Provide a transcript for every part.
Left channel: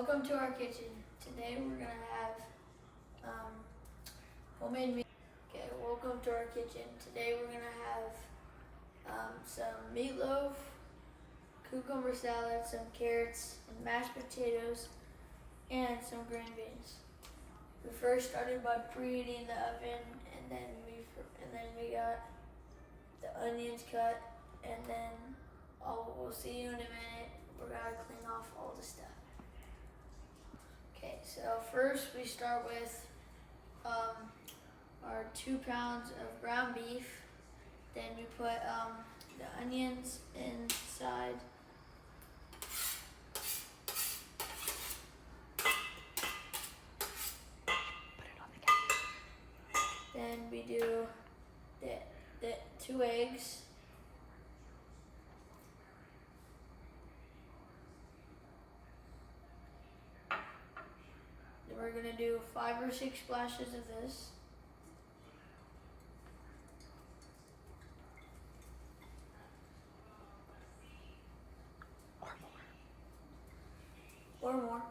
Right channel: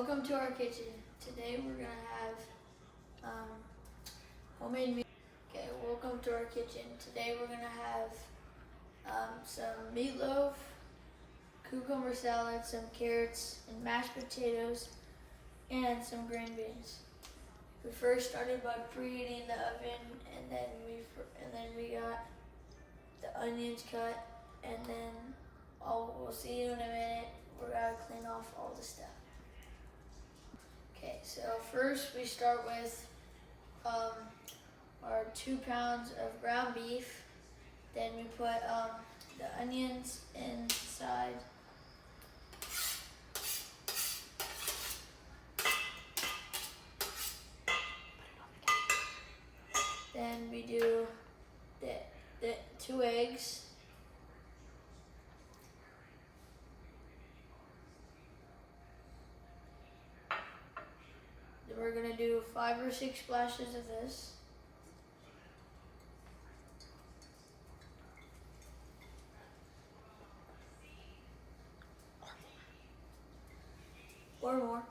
Welcome to our kitchen. Today we're gonna have homemade meat. Okay, welcome to our kitchen. Today we're gonna have some meatloaf, cucumber salad, some carrots, and mashed potatoes, and some green beans. We first started by preheating the oven, and then we got the onions cut, and then we'll see you in a minute. We're gonna clean off all the stuff. Okay, so first we start with our 2 pounds of ground beef. Then we put the onions inside. Then we do the 2 eggs. Then we're gonna do 5 or 6 splashes of this. Or more.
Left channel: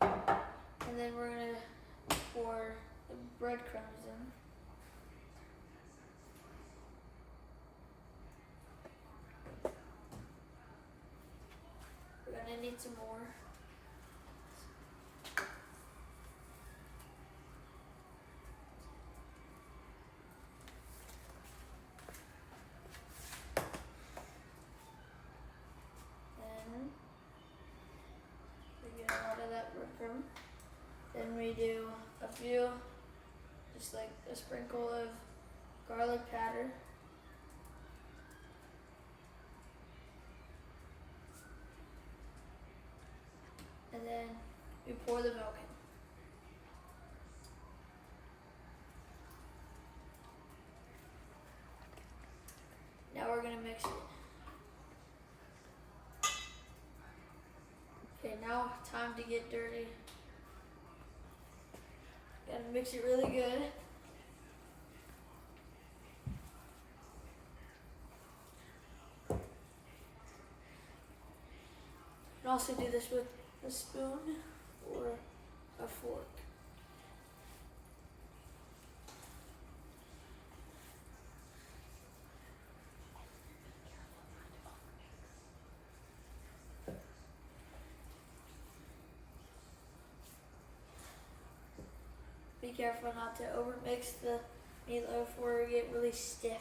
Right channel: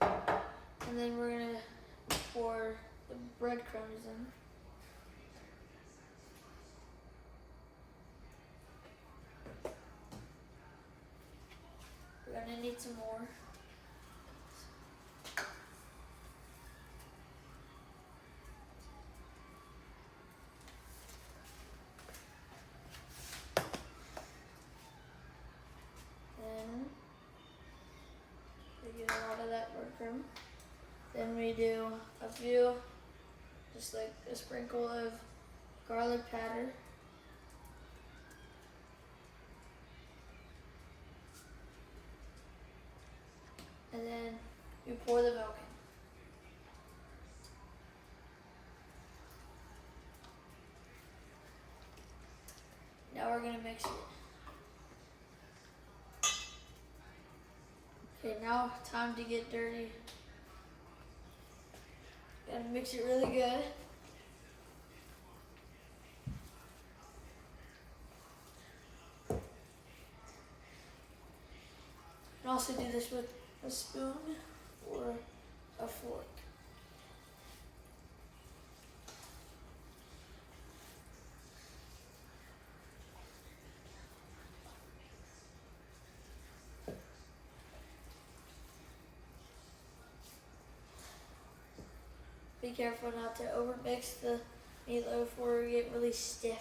And then we're gonna pour the breadcrumbs in. We're gonna need some more. Then we get a lot of that breadcrumb. Then we do a few, just like a sprinkle of garlic powder. And then we pour the milk in. Now we're gonna mix it. Okay, now time to get dirty. Gotta mix it really good. You can also do this with a spoon or a fork. Be careful not to overmix the meatloaf or it get really stiff.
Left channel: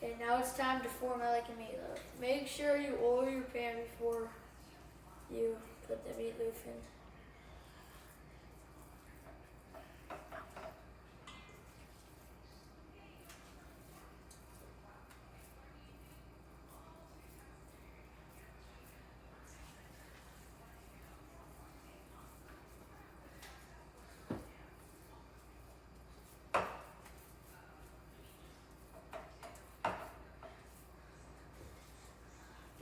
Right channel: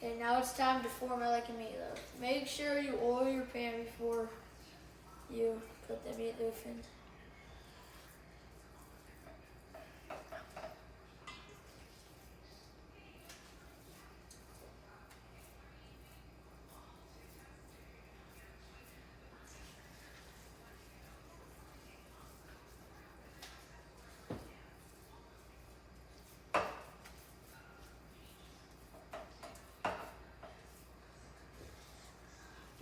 Okay, now it's time to form it like a meatloaf. Make sure you oil your pan before you put the meatloaf in.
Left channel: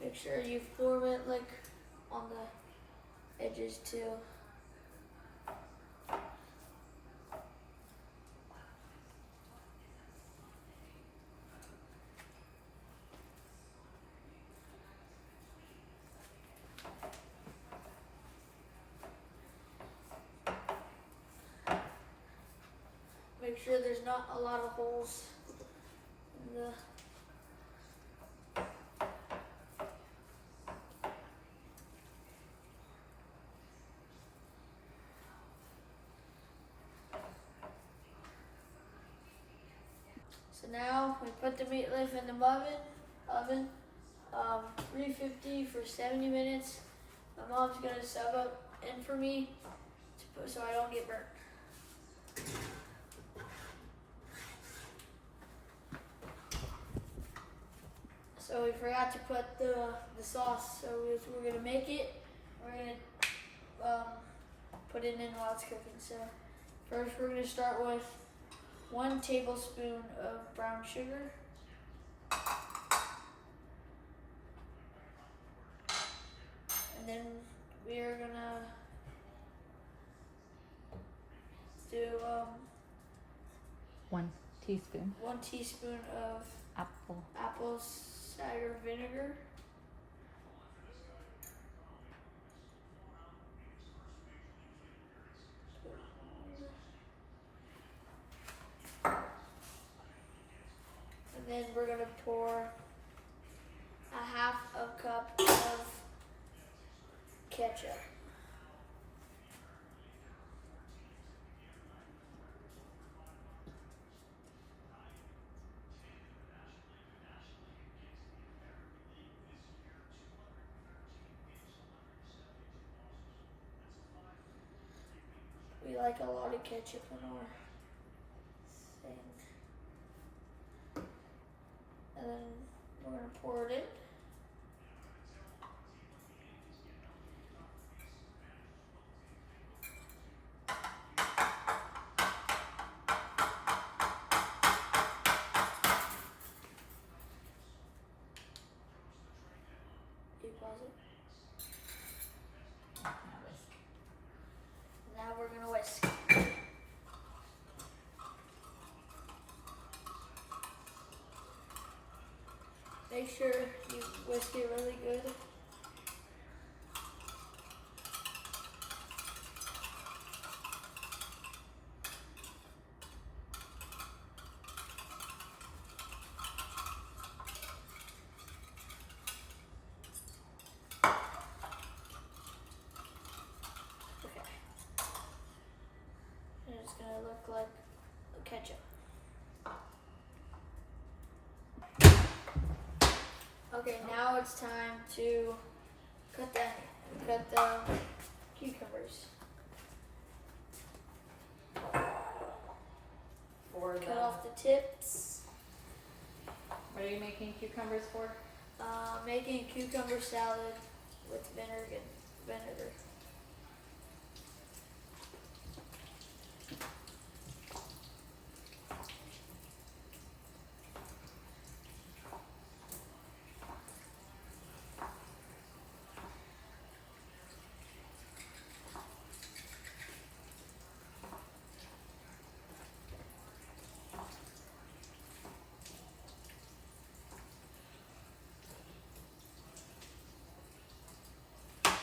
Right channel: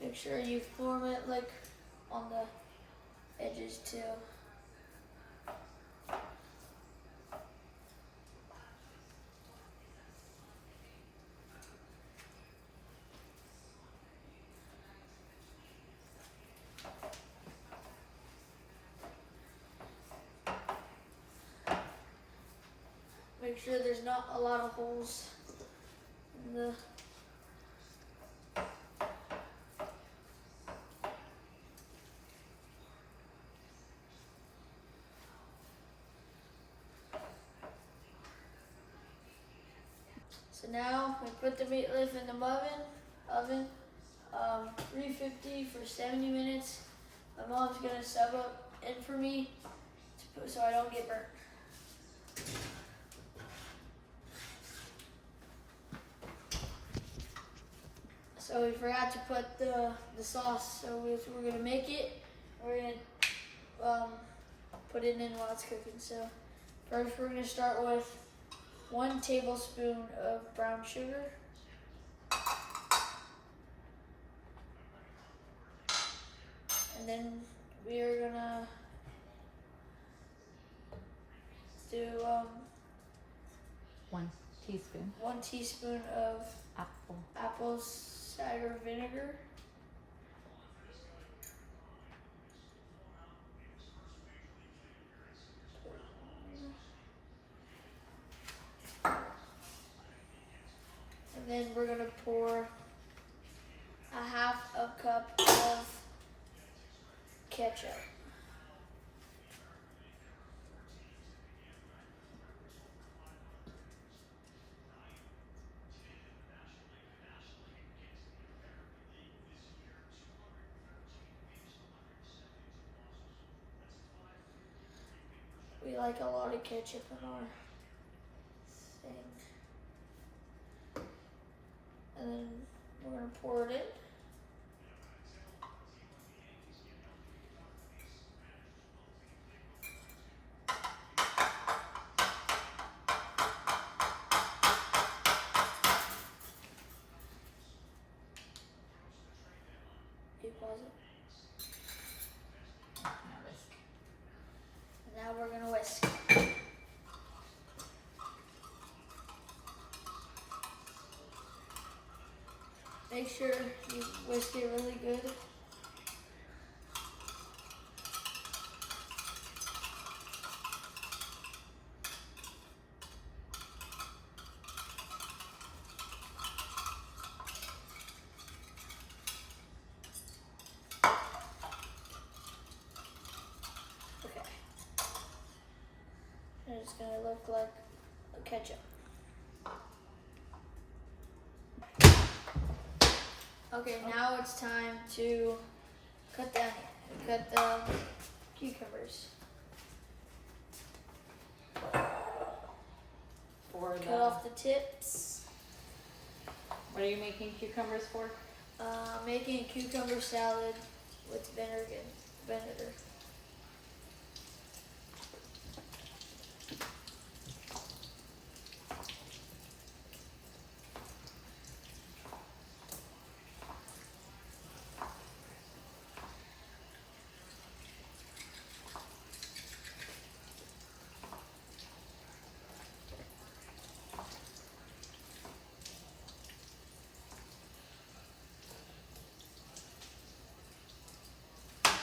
Make sure you form it like on the edges too. Make sure there's not a lot of holes in the So now we put the meatloaf in the oven, 350 for 70 minutes. My mom's gonna sub up in for me so I don't get burnt. So we forgot to put the sauce, so we're gonna make it. We're gonna put it in while it's cooking. So first we're gonna start with 1 tablespoon of brown sugar. And And then we are gonna do 1 teaspoon 1 teaspoon of apple cider vinegar. And then we're gonna pour a half a cup of ketchup. We like a lot of ketchup in our thing. And then we're gonna pour it in. You pause it. Now we're gonna whisk. Make sure you whisk it really good. Okay. And it's gonna look like a ketchup. Okay, now it's time to cut the cucumbers. Cut off the tips. What are you making cucumbers for? Making a cucumber salad with vinegar.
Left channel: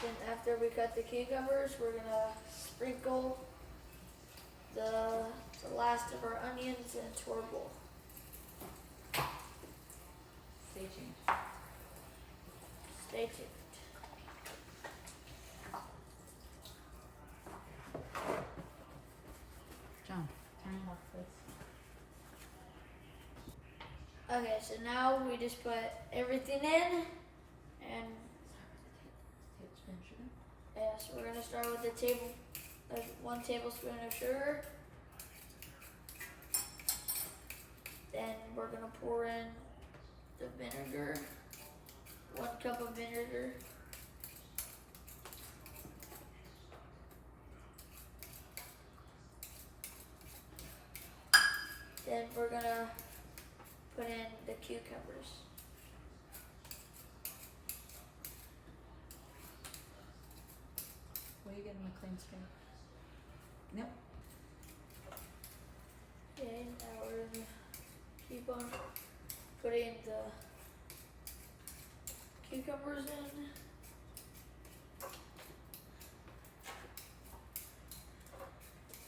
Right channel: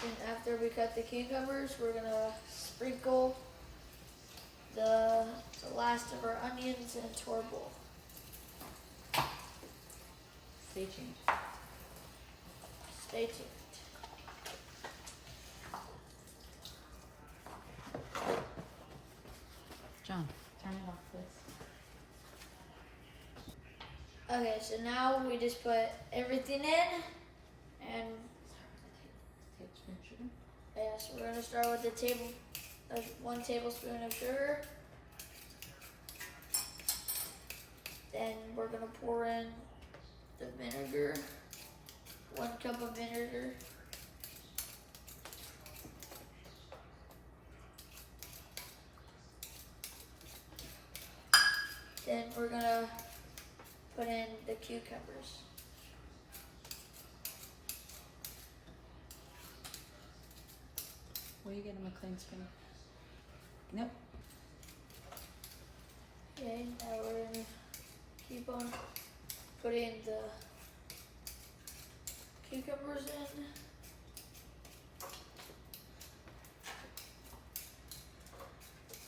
Then after we cut the cucumbers, we're gonna sprinkle the last of our onions into our bowl. Stay tuned. Stay tuned. John, turn it off, please. Okay, so now we just put everything in, and yeah, so we're gonna start with the 1 tablespoon of sugar. Then we're gonna pour in the vinegar, 1 cup of vinegar. Then we're gonna put in the cucumbers. Will you get him a clean spoon? Nope. Okay, now we're gonna keep on putting the cucumbers in.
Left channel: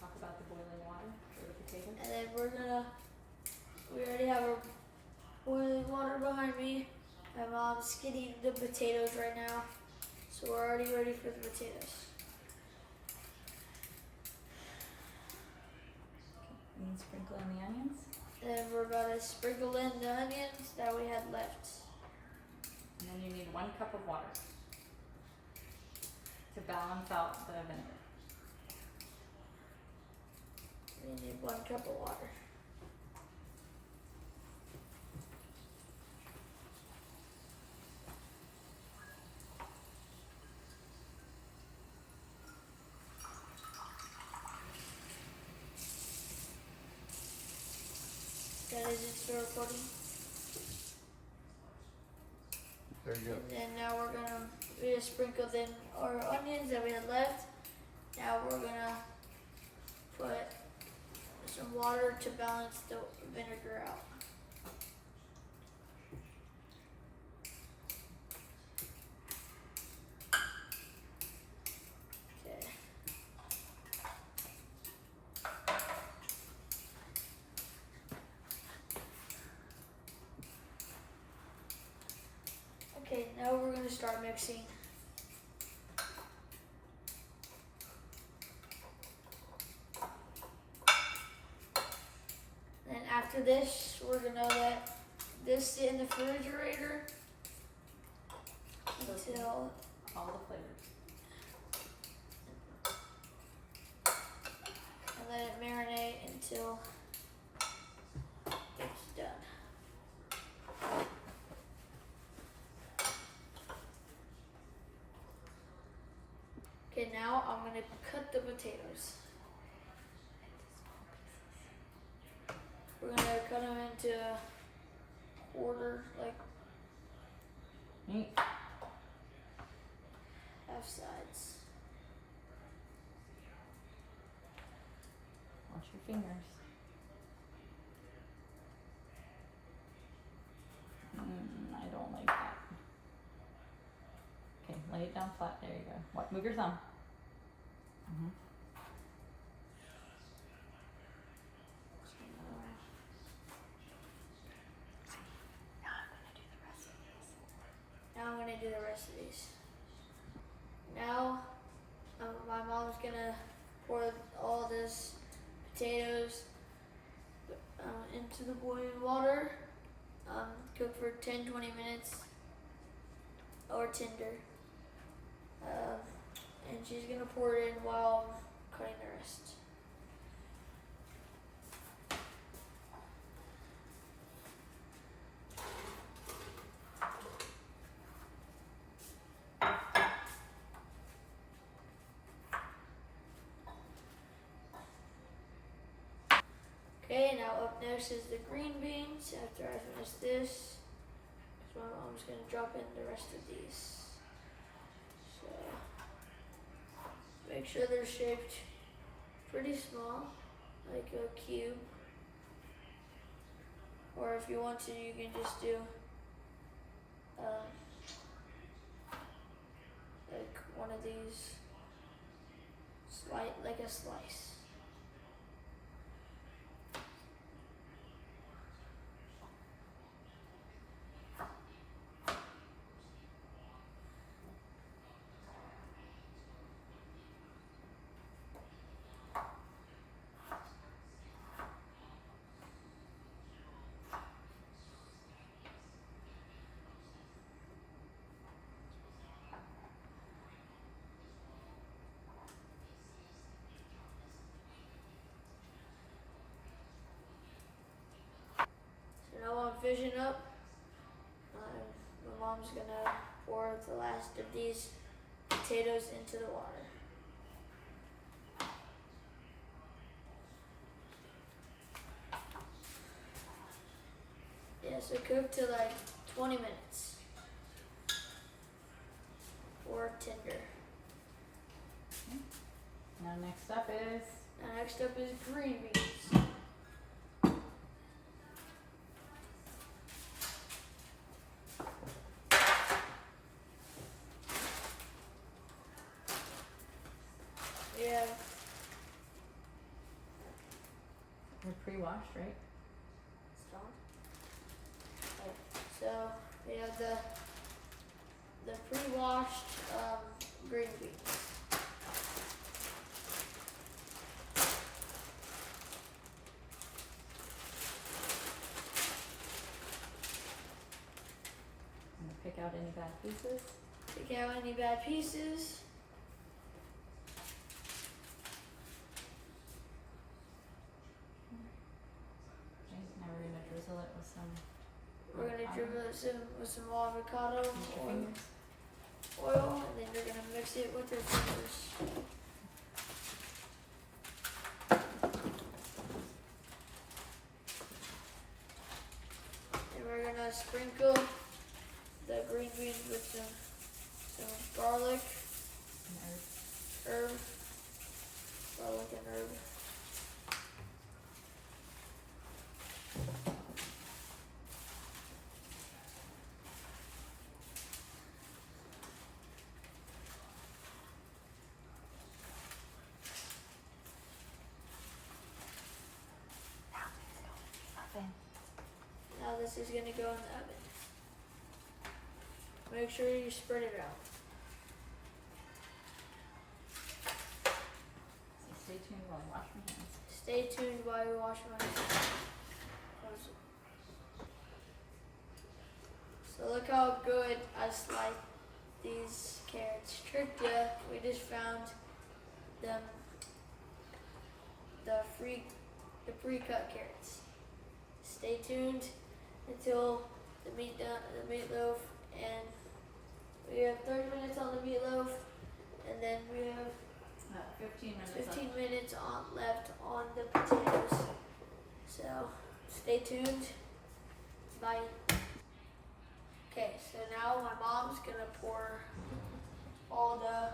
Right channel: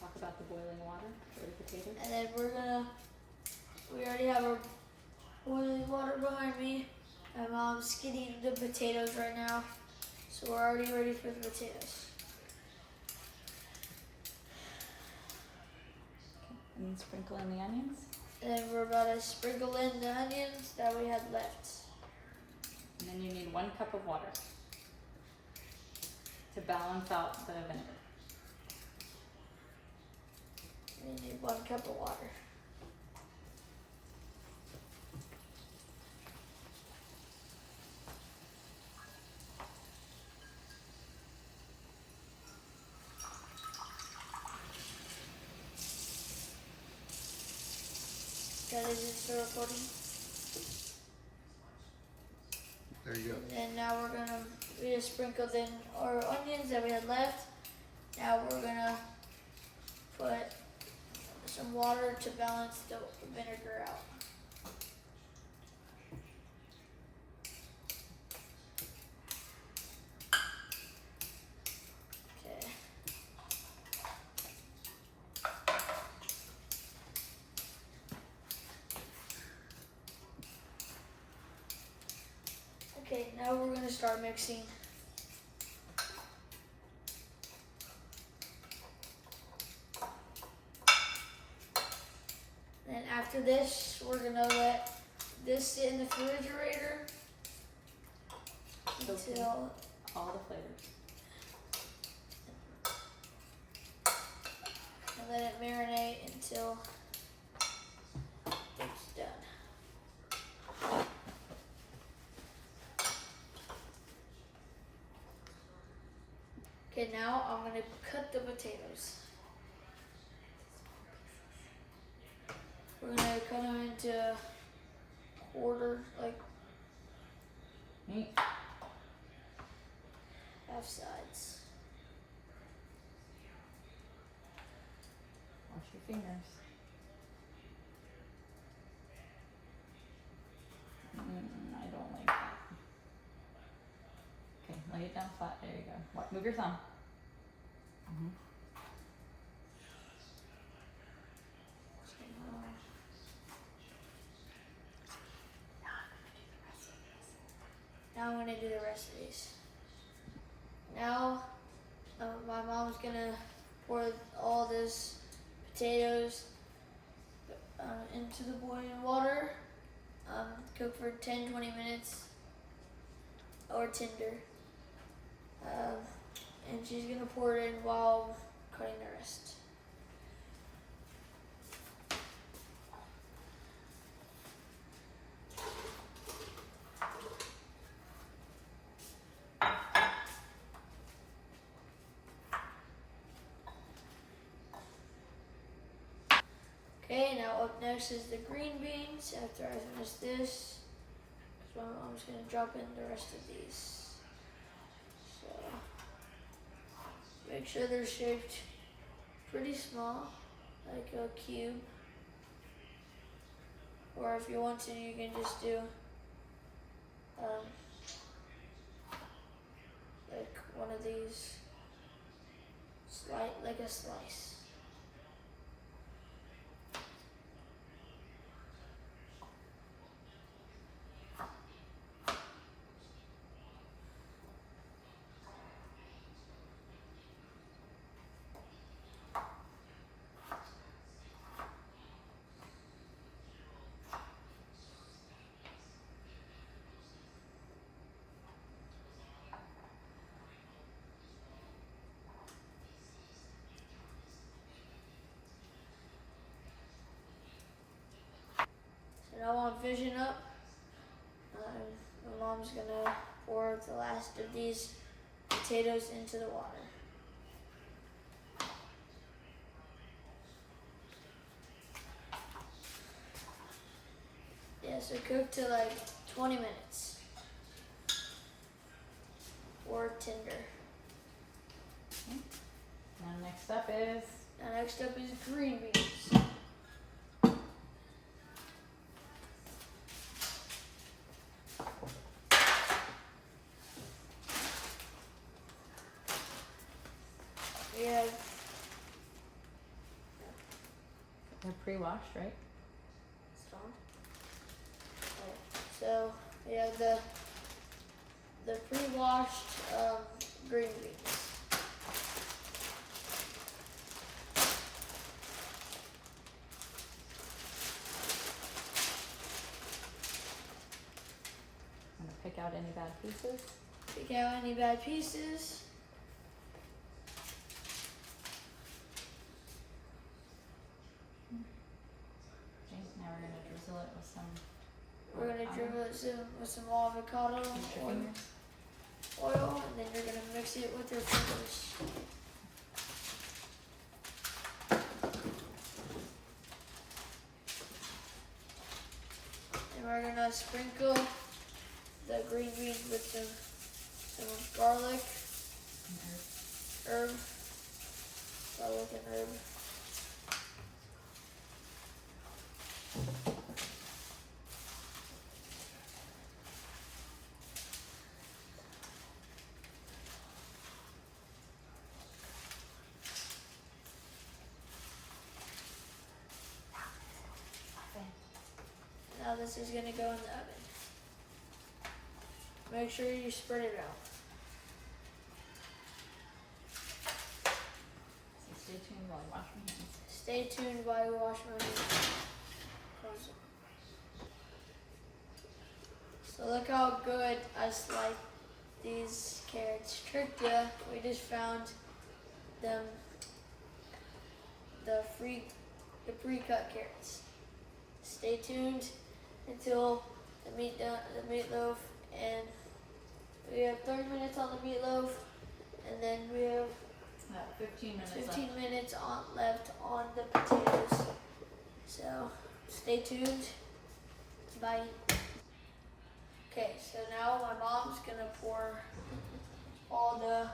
Talk about the boiling water for the potatoes. And then we already have our boiling water behind me. My mom's getting the potatoes right now. So we're already ready for the potatoes. And then sprinkle in the onions. And then we're about to sprinkle in the onions that we had left. And then you need 1 cup of water to balance out the vinegar. We need 1 cup of water. That is it for recording. There you go. And then now we we just sprinkled in our onions that we had left. Now we're gonna put some water to balance the vinegar out. Okay. Okay, now we're gonna start mixing. And after this, we're gonna let this sit in the refrigerator until All the flavors. and let it marinate until it's done. Okay, now I'm gonna cut the potatoes. We're gonna cut them into quarter, like Neat. half sides. Wash your fingers. I don't like that. Okay, lay it down flat. There you go. What? Move your thumb. Now I'm gonna do the rest of these. Now, my mom's gonna pour all this potatoes into the boiling water. Cook for 10-20 minutes or tender. And she's gonna pour it in while cutting the rest. Okay, now up next is the green beans. After I finish this, so I'm just gonna drop in the rest of these. So make sure they're shaped pretty small, like a cube. Or if you want to, you can just do like one of these, like a slice. So now I'm finishing up. My mom's gonna pour the last of these potatoes into the water. Yeah, so cook to like 20 minutes. Or tender. Now next up is Now next up is green beans. We have they're pre-washed, right? strong. So we have the pre-washed green beans. I'm gonna pick out any bad pieces. Pick out any bad pieces. Okay, now we're gonna drizzle it with some. We're gonna avocado. dribble it with some avocado Use your fingers. oil, and then you're gonna mix it with your fingers. And we're gonna sprinkle the green beans with some garlic, And herb, garlic and herb. Now this is gonna go in the oven. Make sure you spread it out. stay tuned while I wash my hands. Stay tuned while you wash my hands. Pause it. So look how good I sliced these carrots. Tricked ya. We just found them, the pre-cut carrots. Stay tuned until the meatloaf, and we have 30 minutes on the meatloaf, and then we have 15 minutes left on the potatoes. So stay tuned. Bye. Okay, so now my mom's gonna pour all the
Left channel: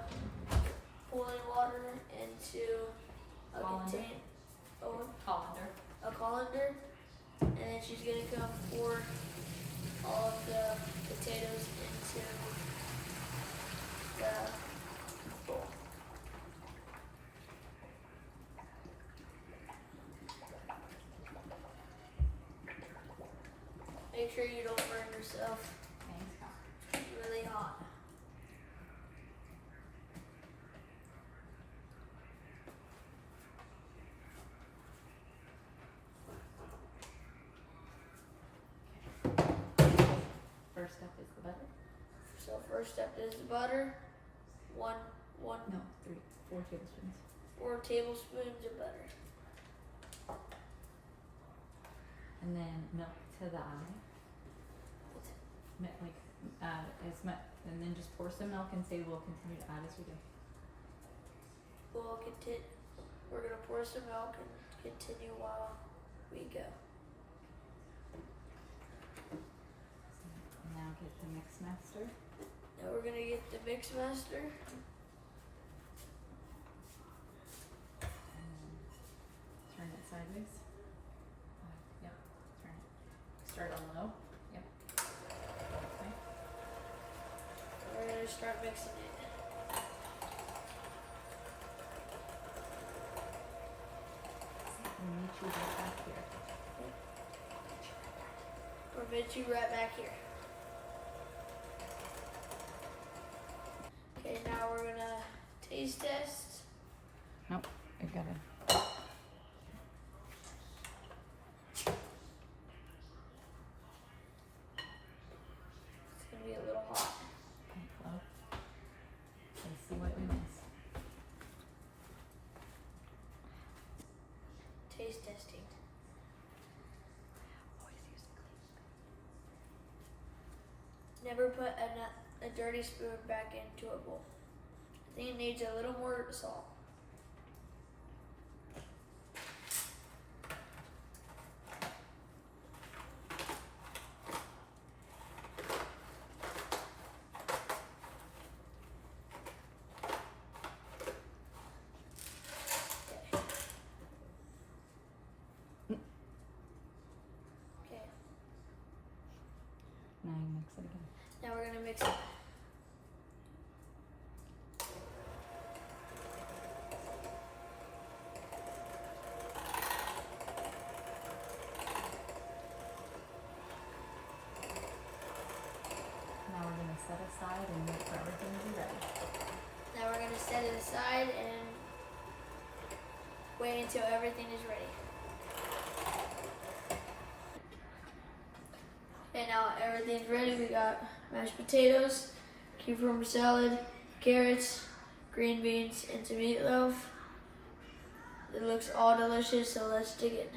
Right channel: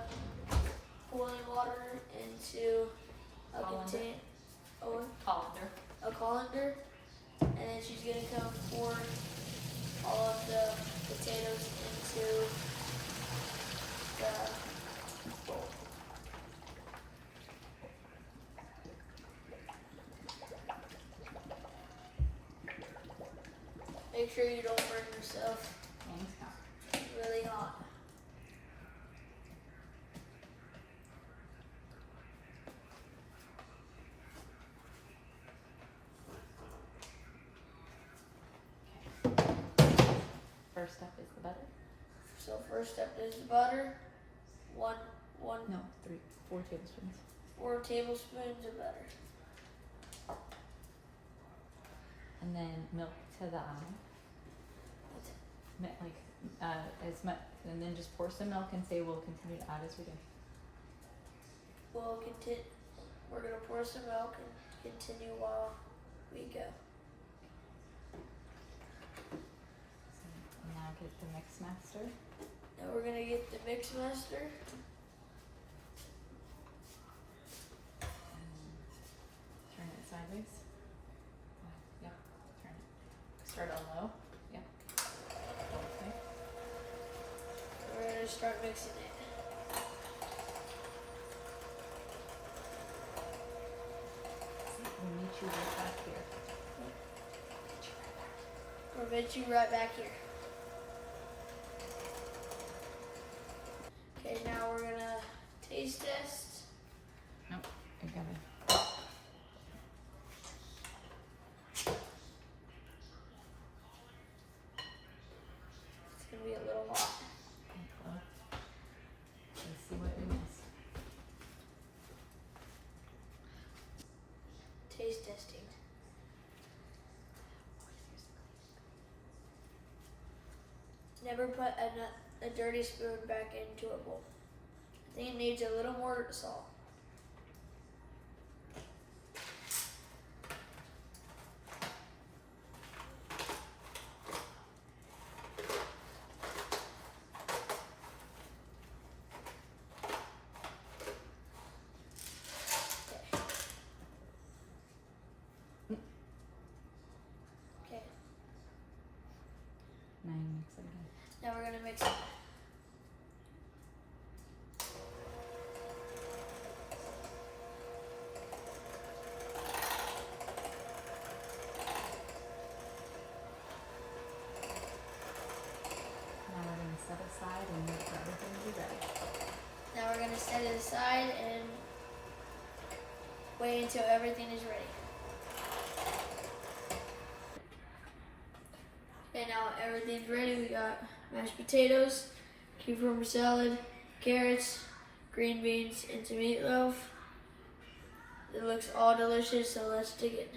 boiling water into a colander, and then she's gonna come pour all of the potatoes into the bowl. Make sure you don't burn yourself. It's really hot. First step is the butter. So first step is the butter. 4 tablespoons. 4 tablespoons of butter. And then milk to the eye. And then just pour some milk and say we'll continue to add as we go. We're gonna pour some milk and continue while we go. Now get the mix master. Now we're gonna get the mix master. Turn it sideways. Yep. Turn it. Start on low. Yep. Okay. We're gonna start mixing it. We'll meet you right back here. We'll meet you right back here. Okay, now we're gonna taste test. Nope, you're good. It's gonna be a little hot. Okay, close. Let's see what we miss. Taste testing. Never put a dirty spoon back into a bowl. I think it needs a little more salt. Okay. Now you mix it again. Now we're gonna mix it. Now we're going to set aside and wait for everything to be ready. Now we're gonna set it aside and wait until everything is ready. Okay, now everything's ready. We got mashed potatoes, cucumber salad, carrots, green beans, and some meatloaf. It looks all delicious, so let's dig in.